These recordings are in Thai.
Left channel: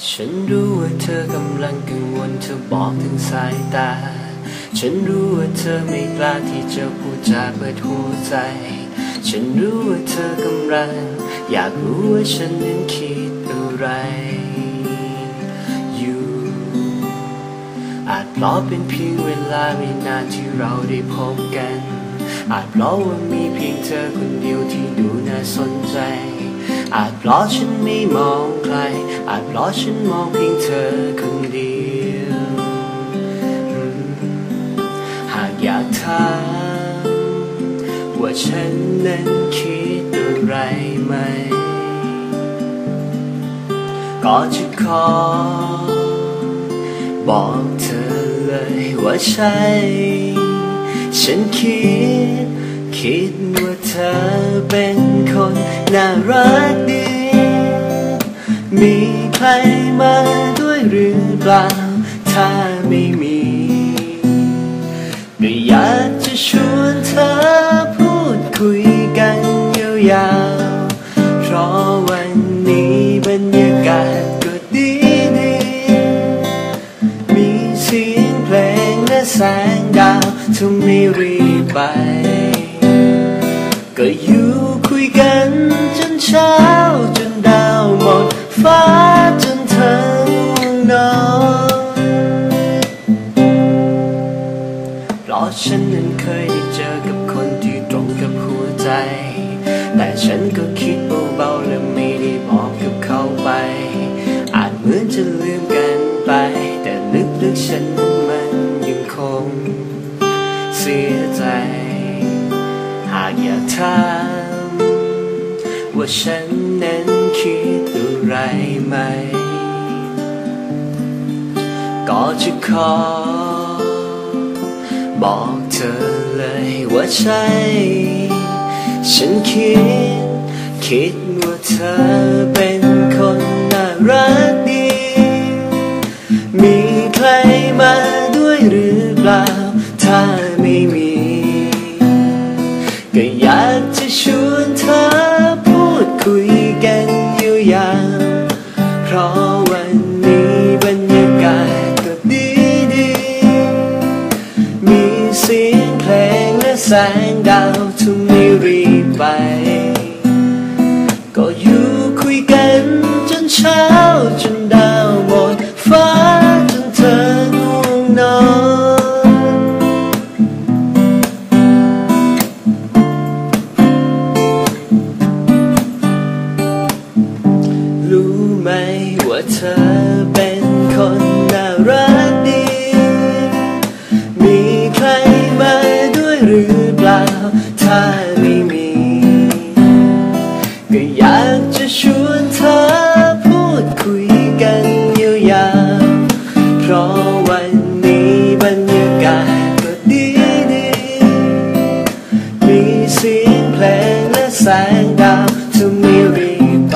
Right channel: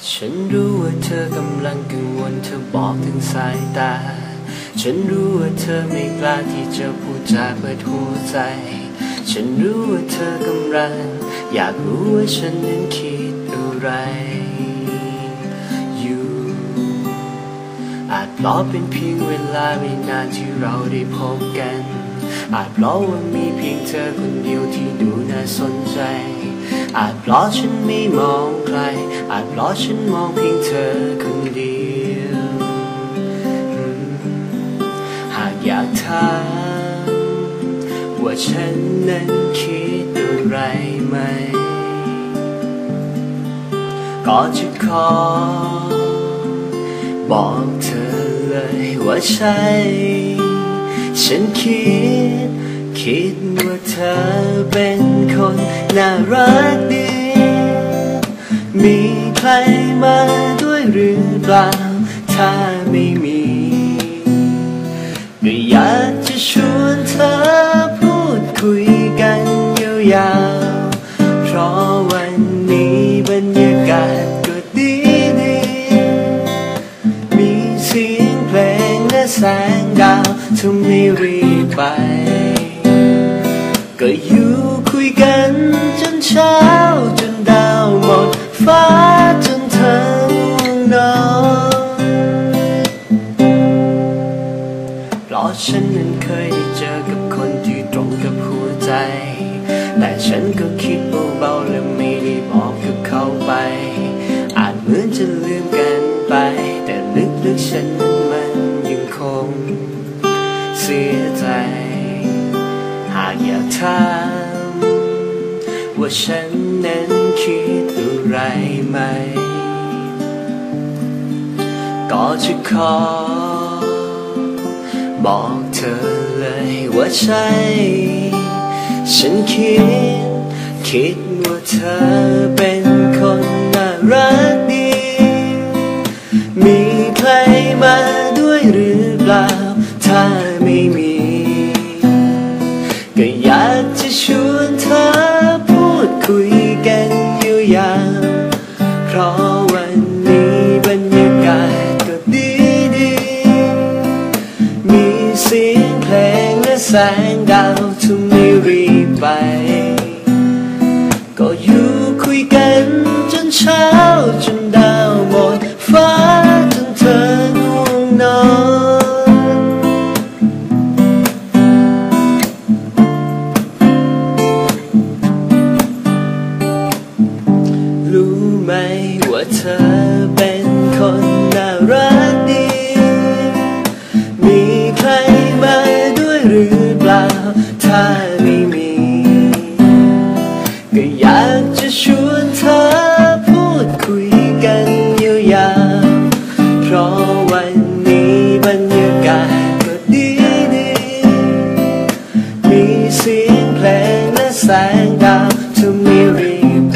ฉันรู้ว่าเธอกำลังกังวลเธอบอกถึงสายตา ฉันรู้ว่าเธอไม่กล้าที่จะพูดจาเปิดหัวใจ ฉันรู้ว่าเธอกำลัง อยากรู้ว่าฉันนั้นคิดอะไรอยู่อาจเพราะเป็นเพียงเวลาไม่นานที่เราได้พบกัน อาจเพราะว่ามีเพียงเธอคนเดียวที่ดูน่าสนใจ อาจเพราะฉันไม่มองใคร อาจเพราะฉันมองเพียงเธอคนเดียวหากอยากถามว่าฉันนั้นคิดอะไรไหม ก็จะขอ บอกเธอเลยว่าใช่ ฉันคิด คิดว่าเธอเป็นคนน่ารักดี มีใครมาด้วยหรือเปล่า ถ้าไม่มีก็อยากจะชวนเธอพูดคุยกันยาวๆเพราะวันนี้บรรยากาศก็ดีดีมีเสียงเพลงและแสงดาวทำให้รีบไป ดฟ้าจนเธอง่วงนอนเพราะฉันนั้นเคยได้เจอกับคนที่ตรงกับหัวใจ แต่ฉันก็คิดเบาๆและไม่ได้บอกกับเขาไป อาจเหมือนจะลืมกันไป แต่ลึกๆฉันมันยังคงเสียใจหากอยากถามว่าฉัน จะขอ บอกเธอเลยว่าใช่ ฉันคิด คิดว่าเธอเป็นคนน่ารักดี มีใครมาด้วยหรือเปล่า ถ้าไม่มี เพลงและแสงดาวทุ่มให้รีบไป วันนี้บรรยากาศก็ดีดี มีเสียงเพลงและแสงดาวทุกมีรีไป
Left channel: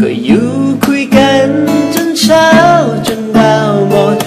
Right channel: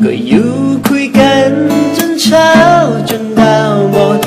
ก็อยู่คุยกันจนเช้าจนดาวหมด